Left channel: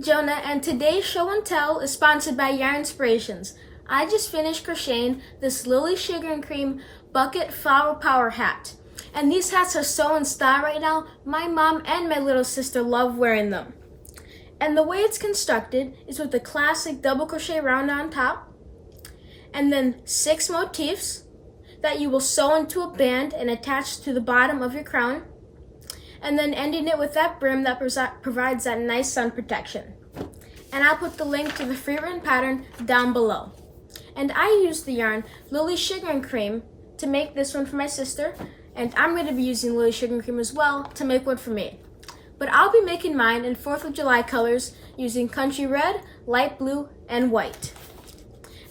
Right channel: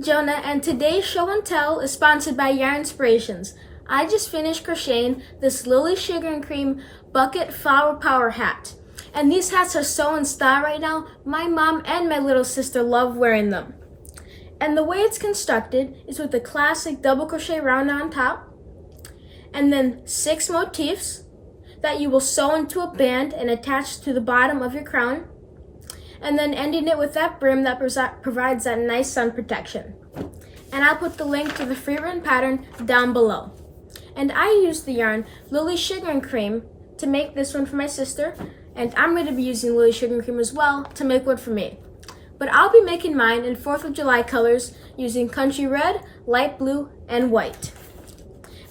Jonah, and today's show and tell is sponsored by Yarn Inspirations. I just finished crocheting this Lily Sugar and Cream Bucket Flower Power hat. And these hats are so in style right now. My mom and my little sister love wearing them. And the way it's constructed is with a classic double crochet round on top, and then 6 motifs that you will sew into a band and attach to the bottom of your crown, and then ending it with that brim that provides that nice sun protection. And I'll put the link to the free written pattern down below. And I used the yarn Lily Sugar and Cream to make this one for my sister, and I'm going to be using Lily Sugar and Cream as well to make one for me. But I'll be making mine in 4th of July colors using country red, light blue, and white.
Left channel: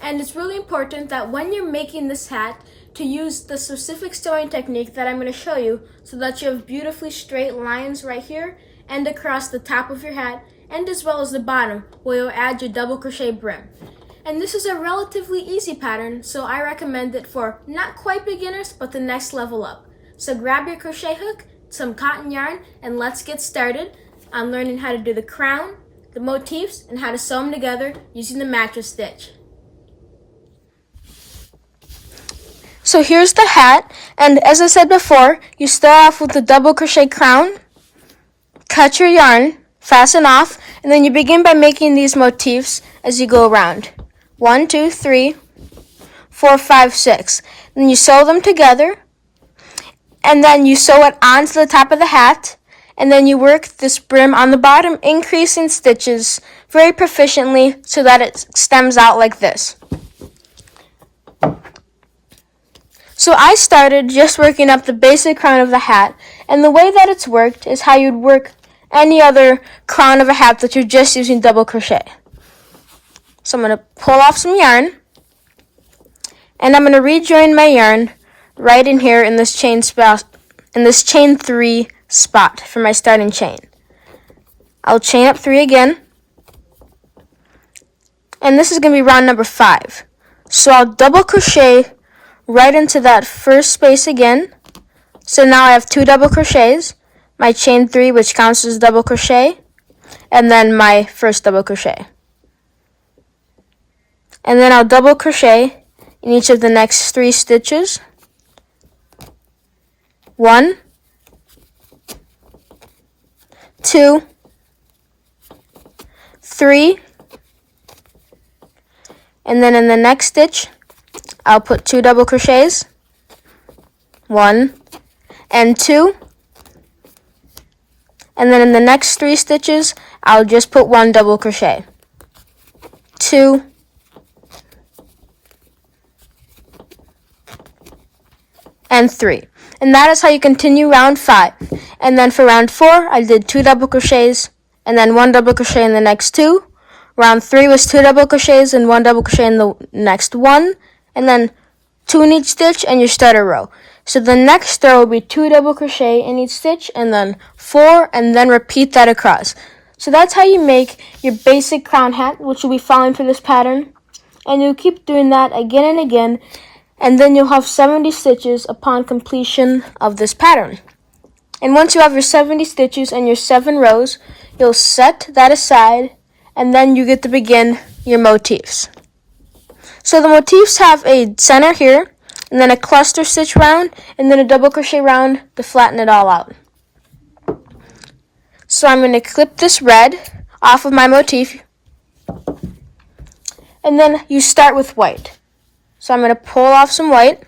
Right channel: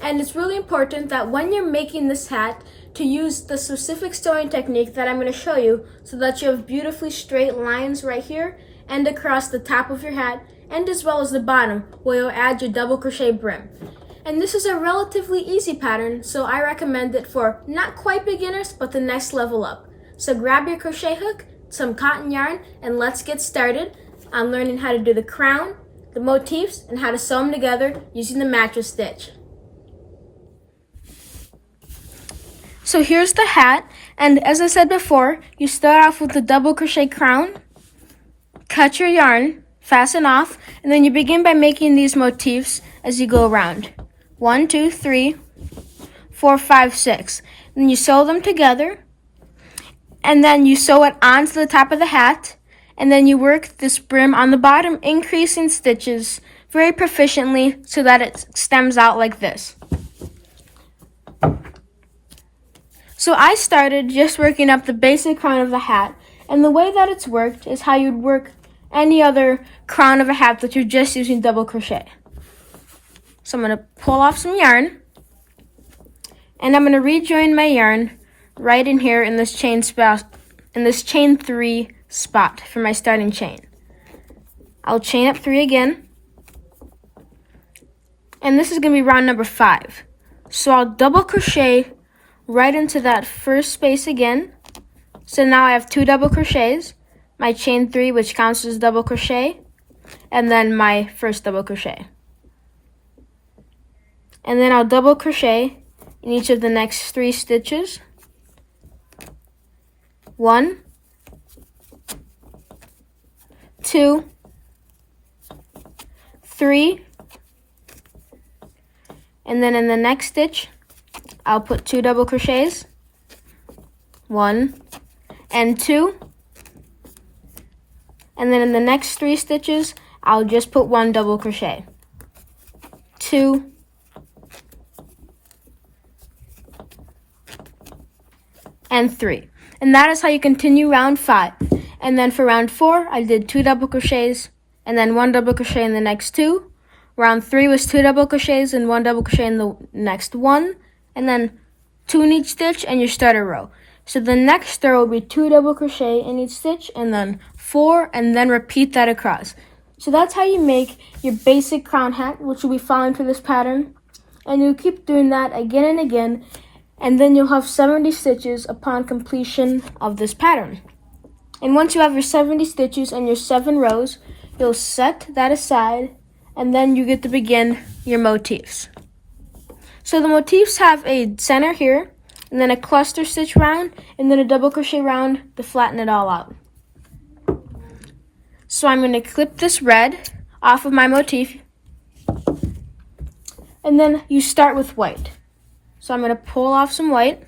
And it's really important that when you're making this hat to use the specific sewing technique that I'm going to show you so that you have beautifully straight lines right here and across the top of your hat and as well as the bottom where you'll add your double crochet brim. And this is a relatively easy pattern, so I recommend it for not quite beginners but the next level up. So grab your crochet hook, some cotton yarn, and let's get started on learning how to do the crown, the motifs, and how to sew them together using the mattress stitch. So here's the hat, and as I said before, you start off with the double crochet crown, cut your yarn, fasten off, and then you begin by making these motifs as you go around. 1, 2, 3, 4, 5, 6. Then you sew them together, and then you sew it onto the top of the hat, and then you work this brim on the bottom, increasing stitches very proficiently so that it stems out like this. So I started just working up the basic crown of the hat, and the way that it's worked is how you'd work any other crown of a hat that you're just using double crochet. So I'm going to pull off some yarn, and I'm going to rejoin my yarn right in here in this chain 3 spot for my starting chain. I'll chain up 3 again, and this is going to be round number 5. So I'll double crochet right into that first space again. So now I have 2 double crochets, my chain 3, which counts as double crochet, and then my first double crochet. And then I'll double crochet in each of the next 3 stitches. 1, 2, 3, and then in the next stitch I'll put 2 double crochets, 1 and 2, and then in the next 3 stitches I'll just put 1 double crochet, 2, and 3. And that is how you continue round 5. And then for round 4, I did 2 double crochets and then 1 double crochet in the next 2. Round 3 was 2 double crochets and 1 double crochet in the next 1. And then 2 in each stitch and your starter row. So the next row will be 2 double crochet in each stitch and then 4, and then repeat that across. So that's how you make your basic crown hat, which you'll be following for this pattern. And you'll keep doing that again and again, and then you'll have 70 stitches upon completion of this pattern. And once you have your 70 stitches and your 7 rows, you'll set that aside, and then you get to begin your motifs. So the motifs have a center here, and then a cluster stitch round, and then a double crochet round to flatten it all out. So I'm going to clip this red off of my motif, and then you start with white. So I'm going to pull off some white,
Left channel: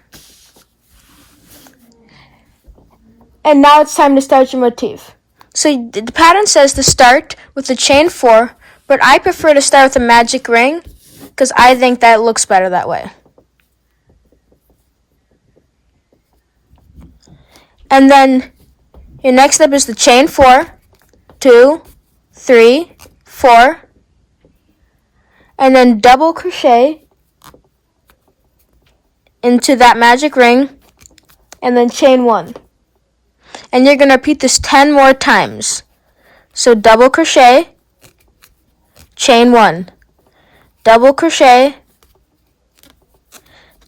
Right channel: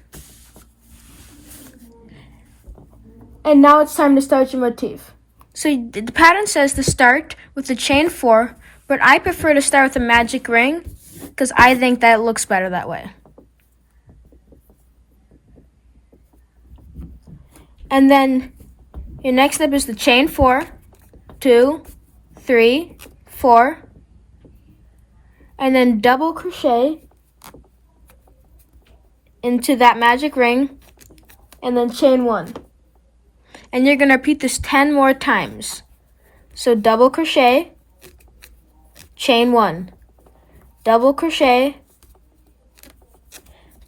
and now it's time to start your motif. So the pattern says to start with the chain 4, but I prefer to start with a magic ring because I think that looks better that way. And then your next step is the chain 4, 2, 3, 4, and then double crochet into that magic ring, and then chain 1. And you're going to repeat this 10 more times. So double crochet, chain 1, double crochet,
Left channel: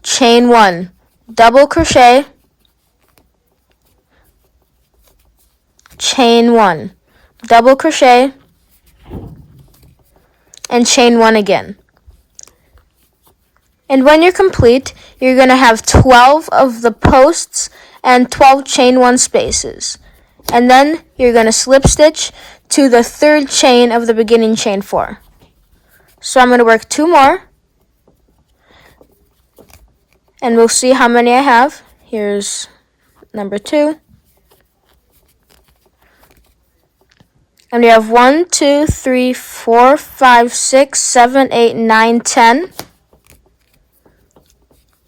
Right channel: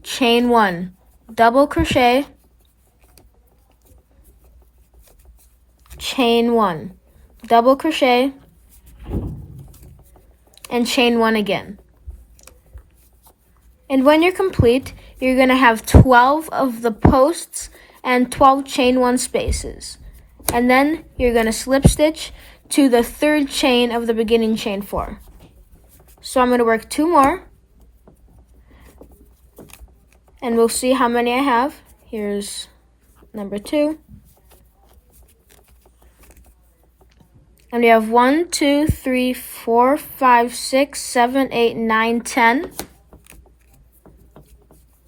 chain 1, double crochet, chain 1, double crochet, and chain 1 again. And when you're complete, you're going to have 12 of the posts and 12 chain 1 spaces. And then you're going to slip stitch to the third chain of the beginning chain 4. So I'm going to work 2 more. And we'll see how many I have. Here's number 2. And we have 1, 2, 3, 4, 5, 6, 7, 8, 9, 10.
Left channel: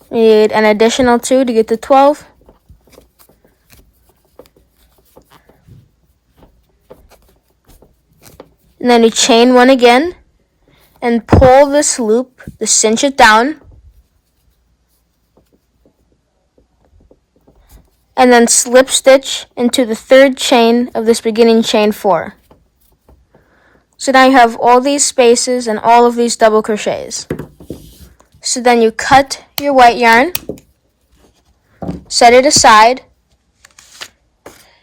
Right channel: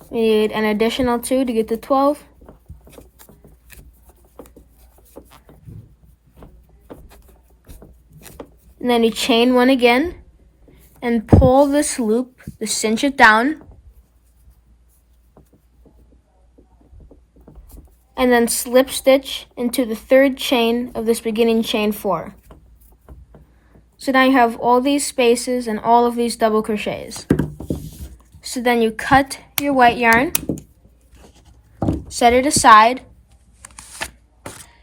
We need an additional 2 to get to 12. And then you chain 1 again and pull this loop to cinch it down. And then slip stitch into the third chain of this beginning chain 4. So now you have all these spaces and all of these double crochets. So then you cut your white yarn, set it aside,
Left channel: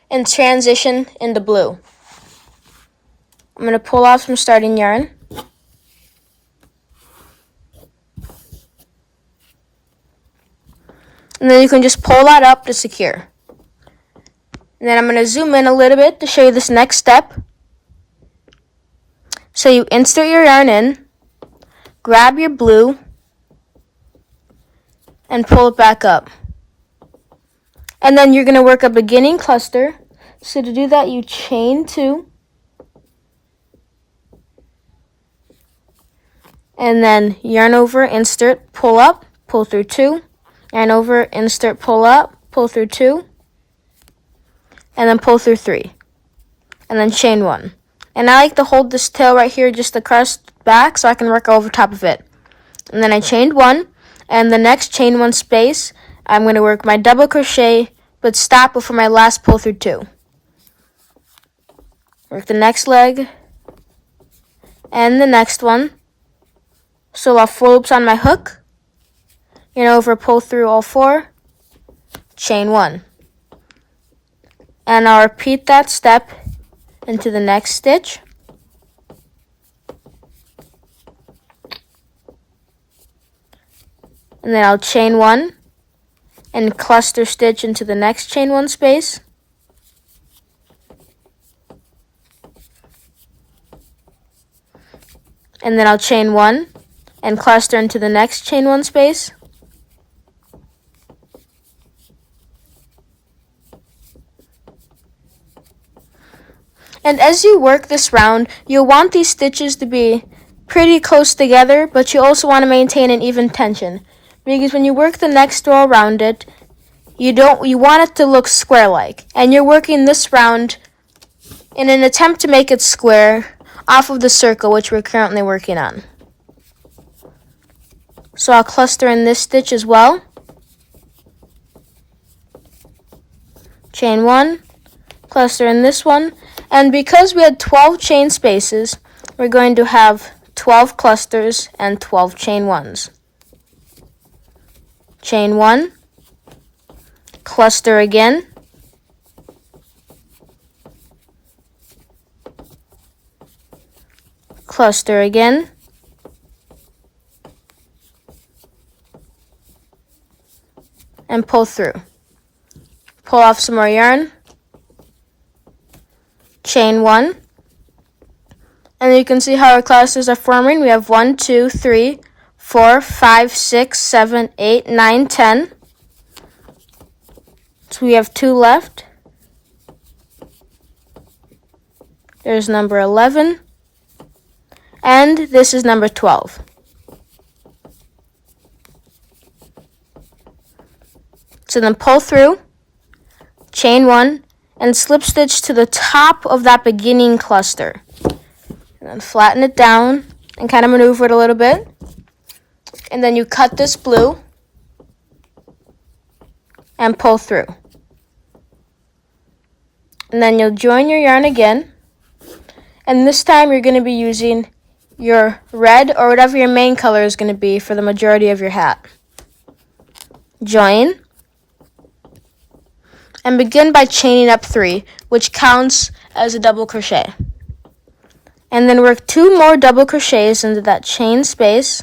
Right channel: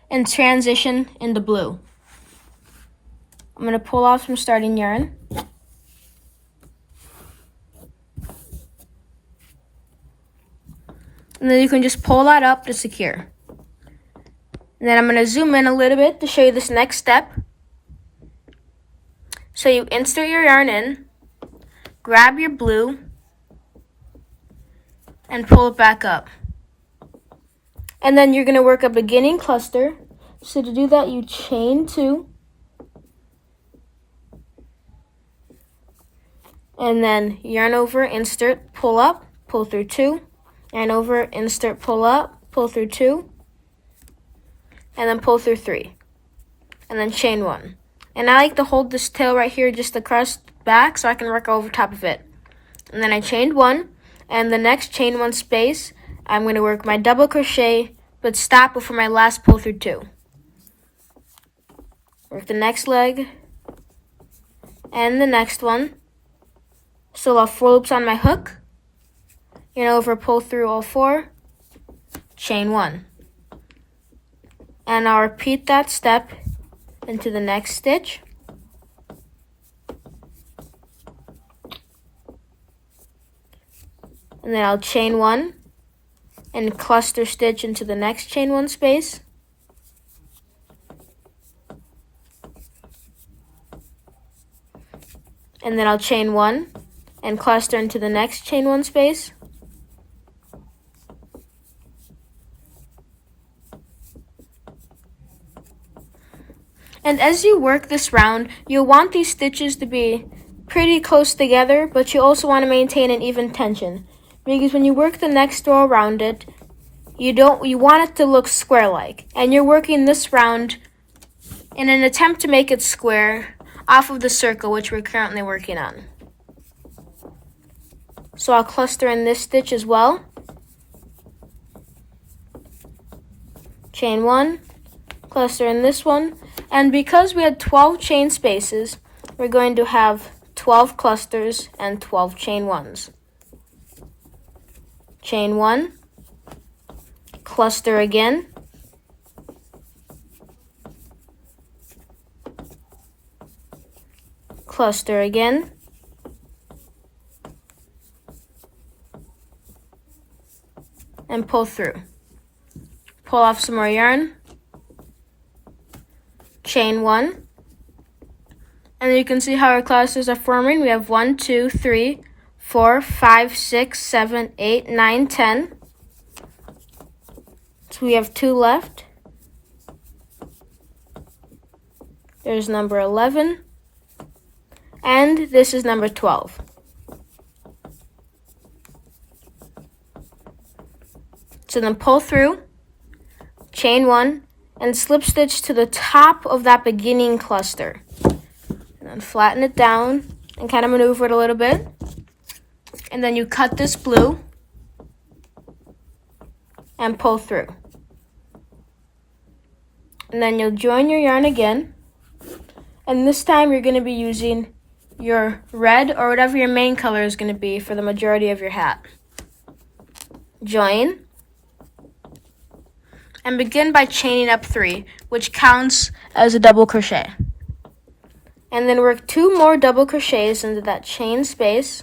and transition into blue. I'm going to pull off some starting yarn. And then you can just pull that up to secure. And then I'm going to zoom in a little bit to show you this next step. So you insert your yarn in, grab your blue, and pull it back up. And then you're going to work a beginning cluster. So to do that, you chain 2. And then yarn over, insert, pull up, pull through 2. Yarn over, insert, pull up, pull through 2. And then pull through 3. And then chain 1. And I like to hold this tail right here just to crest back so I can work over top of it. And then I chained 1. And the next chain 1 space, I'm going to work my double crochet, but stop before my last pull through 2. Work the next leg, and the next one. So I'll have 4 loops on my hook, yarn over, pull through all 4, chain 1. And I'll repeat that step into the next stitch. And then I'll chain 1 and cluster stitch into the next chain 1 space. And then I'll chain 1 and cluster into the next chain 1 space. And as you work this round, you'll want these stitches to be pretty close together, but you also want to maintain an even tension. Because when you work the next row around it, you want it to look square-like. And you're working this round in an attempt to make it square off of the circle, which we're currently working on. So I'll cluster in this stitch as well. Chain 1, cluster in this one. And because we had 12 chain spaces, we're going to have 12 clusters and 12 chain 1s. Chain 1, cluster again, cluster again, and pull through. Pull off some more yarn, chain 1, and you can see how our clusters are forming. We have 1, 2, 3, 4, 5, 6, 7, 8, 9, 10. So we have 2 left. There's number 11. And this is number 12. So then pull through, chain 1, and slip stitch to the top of that beginning cluster. And then flatten it down and kind of maneuver it a little bit. And then you cut this blue and pull through. And then you'll join your yarn again. And this time you're going to be using your red or whatever your main color is going to be for the majority of your hat. Join. And begin by chaining up 3, which counts as a double crochet. And then work 2 more double crochets into that chain space.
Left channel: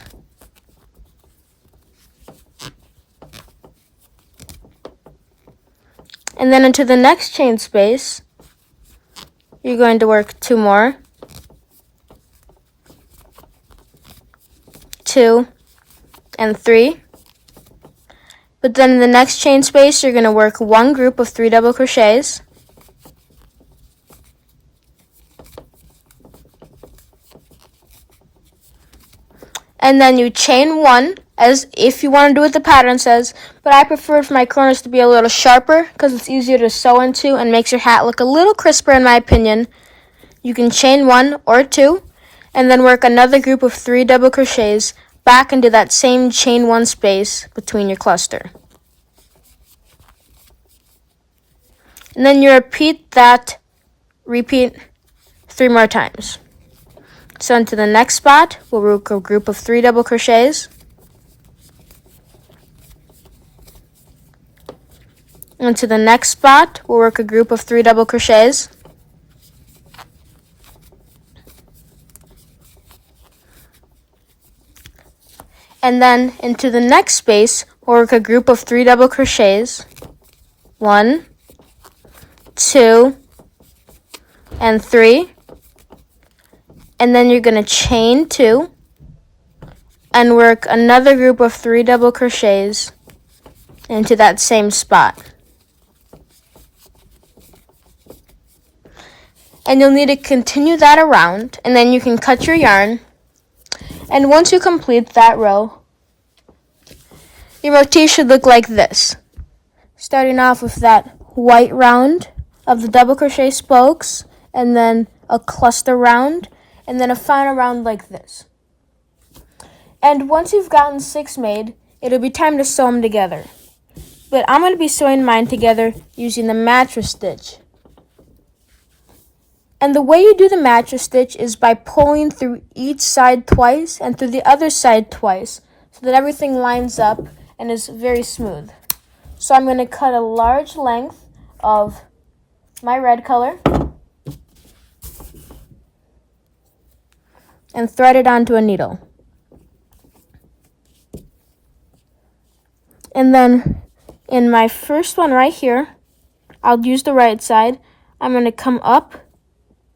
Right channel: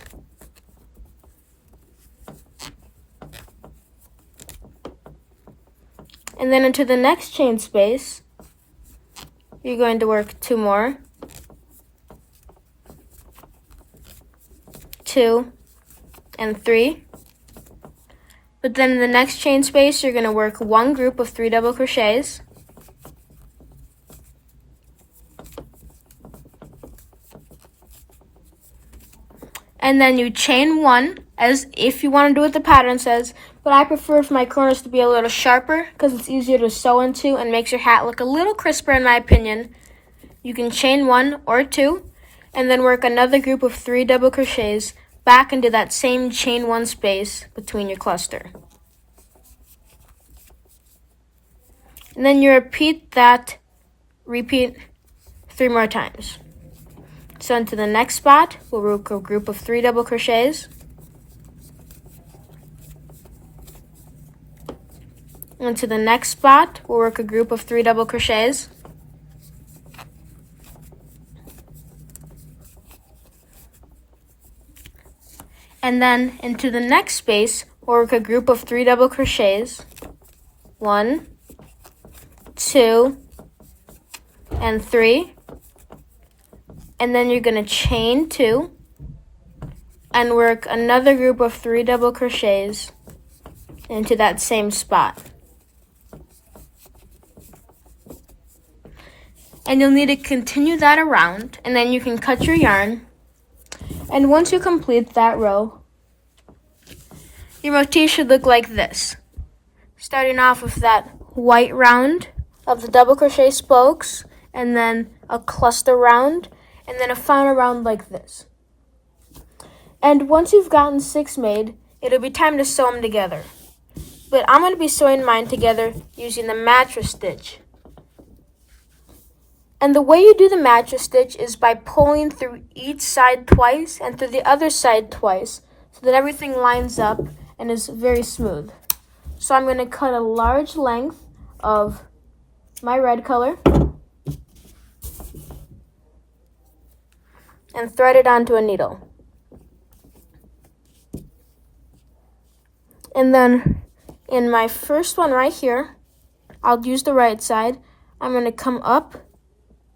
And then into the next chain space, you're going to work 2 more. 2 and 3. But then in the next chain space, you're going to work 1 group of 3 double crochets. And then you chain 1, as if you want to do what the pattern says, but I prefer for my corners to be a little sharper because it's easier to sew into and makes your hat look a little crisper in my opinion. You can chain 1 or 2, and then work another group of 3 double crochets back into that same chain 1 space between your cluster. And then you repeat 3 more times. So into the next spot, we'll work a group of 3 double crochets. Into the next spot, we'll work a group of 3 double crochets. And then into the next space, we'll work a group of 3 double crochets. 1, 2, and 3. And then you're going to chain 2 and work another group of 3 double crochets into that same spot. And you'll need to continue that around, and then you can cut your yarn. And once you complete that row, your motif should look like this. Starting off with that white round of the double crochet spokes, and then a cluster round, and then a final round like this. And once you've gotten 6 made, it'll be time to sew them together. But I'm going to be sewing mine together using the mattress stitch. And the way you do the mattress stitch is by pulling through each side twice and through the other side twice, so that everything lines up and is very smooth. So I'm going to cut a large length of my red color and thread it onto a needle. And then in my first one right here, I'll use the right side. I'm going to come up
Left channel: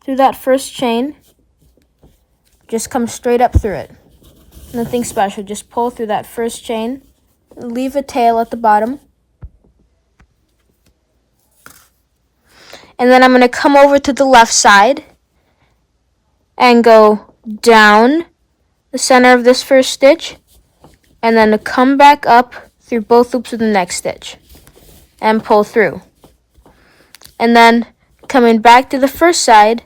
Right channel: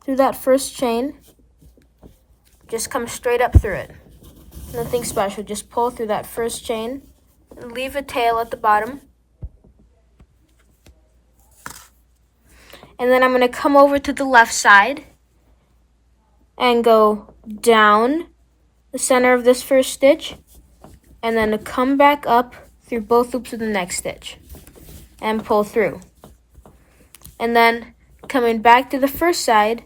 through that first chain. Just come straight up through it. Nothing special, just pull through that first chain. Leave a tail at the bottom. And then I'm going to come over to the left side and go down the center of this first stitch, and then to come back up through both loops of the next stitch and pull through. And then coming back to the first side,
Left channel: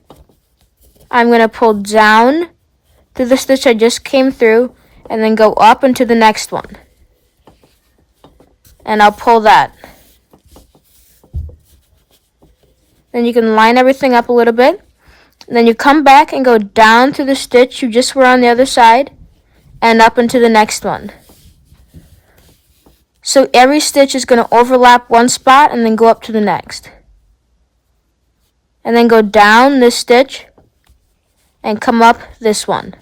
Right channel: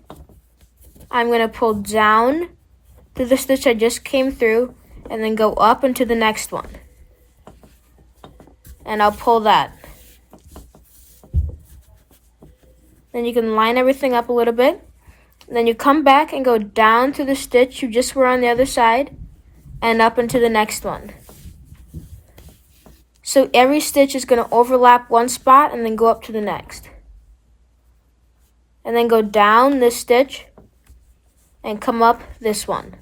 I'm going to pull down through the stitch I just came through and then go up into the next one. And I'll pull that. Then you can line everything up a little bit. And then you come back and go down through the stitch you just were on the other side and up into the next one. So every stitch is going to overlap one spot and then go up to the next. And then go down this stitch and come up this one.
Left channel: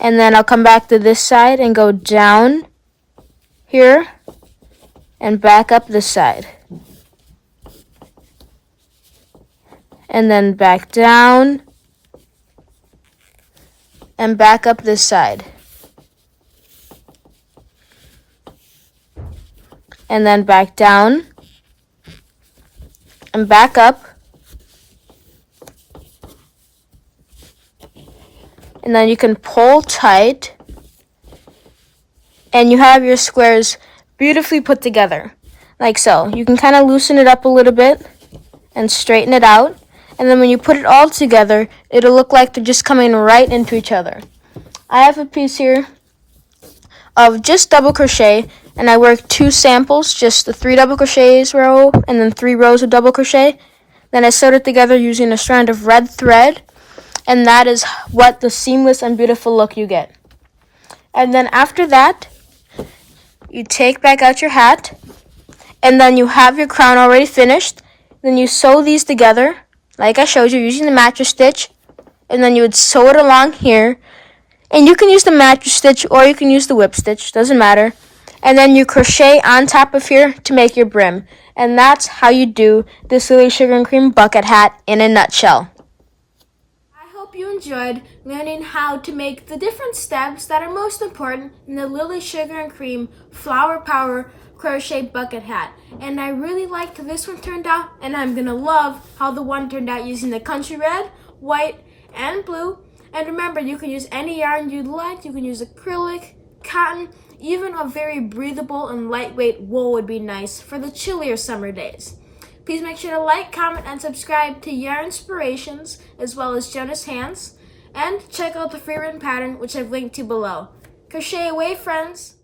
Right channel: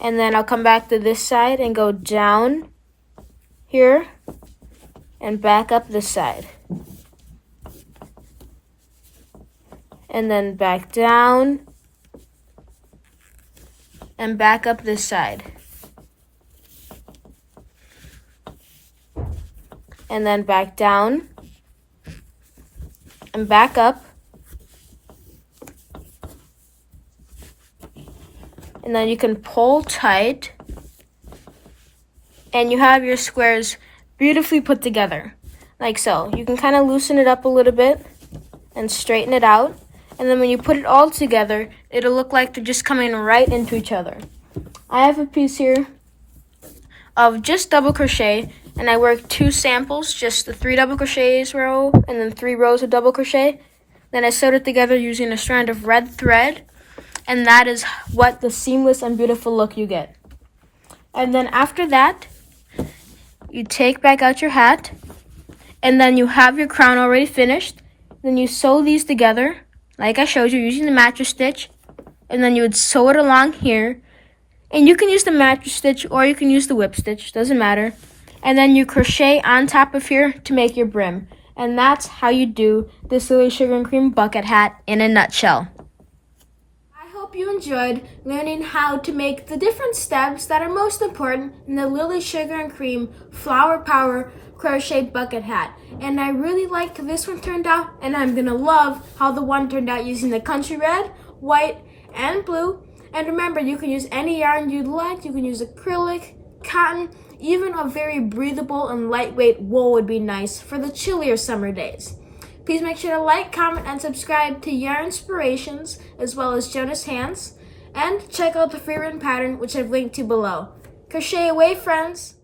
And then I'll come back to this side and go down here and back up this side. And then back down and back up this side. And then back down and back up. And then you can pull tight and you have your squares beautifully put together, like so. You can kind of loosen it up a little bit and straighten it out. And then when you put it all together, it'll look like they're just coming right into each other. I have a piece here of just double crochet, and I worked 2 samples, just the 3 double crochets row and then 3 rows of double crochet. Then I sewed it together using a strand of red thread, and that is what the seamless and beautiful look you get. And then after that, you take back out your hat and then you have your crown already finished. Then you sew these together, like I showed you, using the mattress stitch, and then you would sew it along here. And you can use the mattress stitch or you can use the whip stitch, doesn't matter. And then you crochet on top of here to make your brim. And that's how you do this Lily Sugar and Cream bucket hat in a nutshell. I hope you enjoyed learning how to make the different steps that are most important in the Lily Sugar and Cream Flower Power crochet bucket hat. And I really liked how this one turned out, and I'm gonna love how the one turned out using the country red, white, and blue. And remember, you can use any yarn you'd like. You can use acrylic, cotton, even a very breathable and lightweight wool would be nice for the chillier summer days. Please make sure to like, comment, and subscribe to Yarn Inspirations, as well as Jonah's Hands. And check out the free written pattern, which I've linked to below. Crochet away, friends!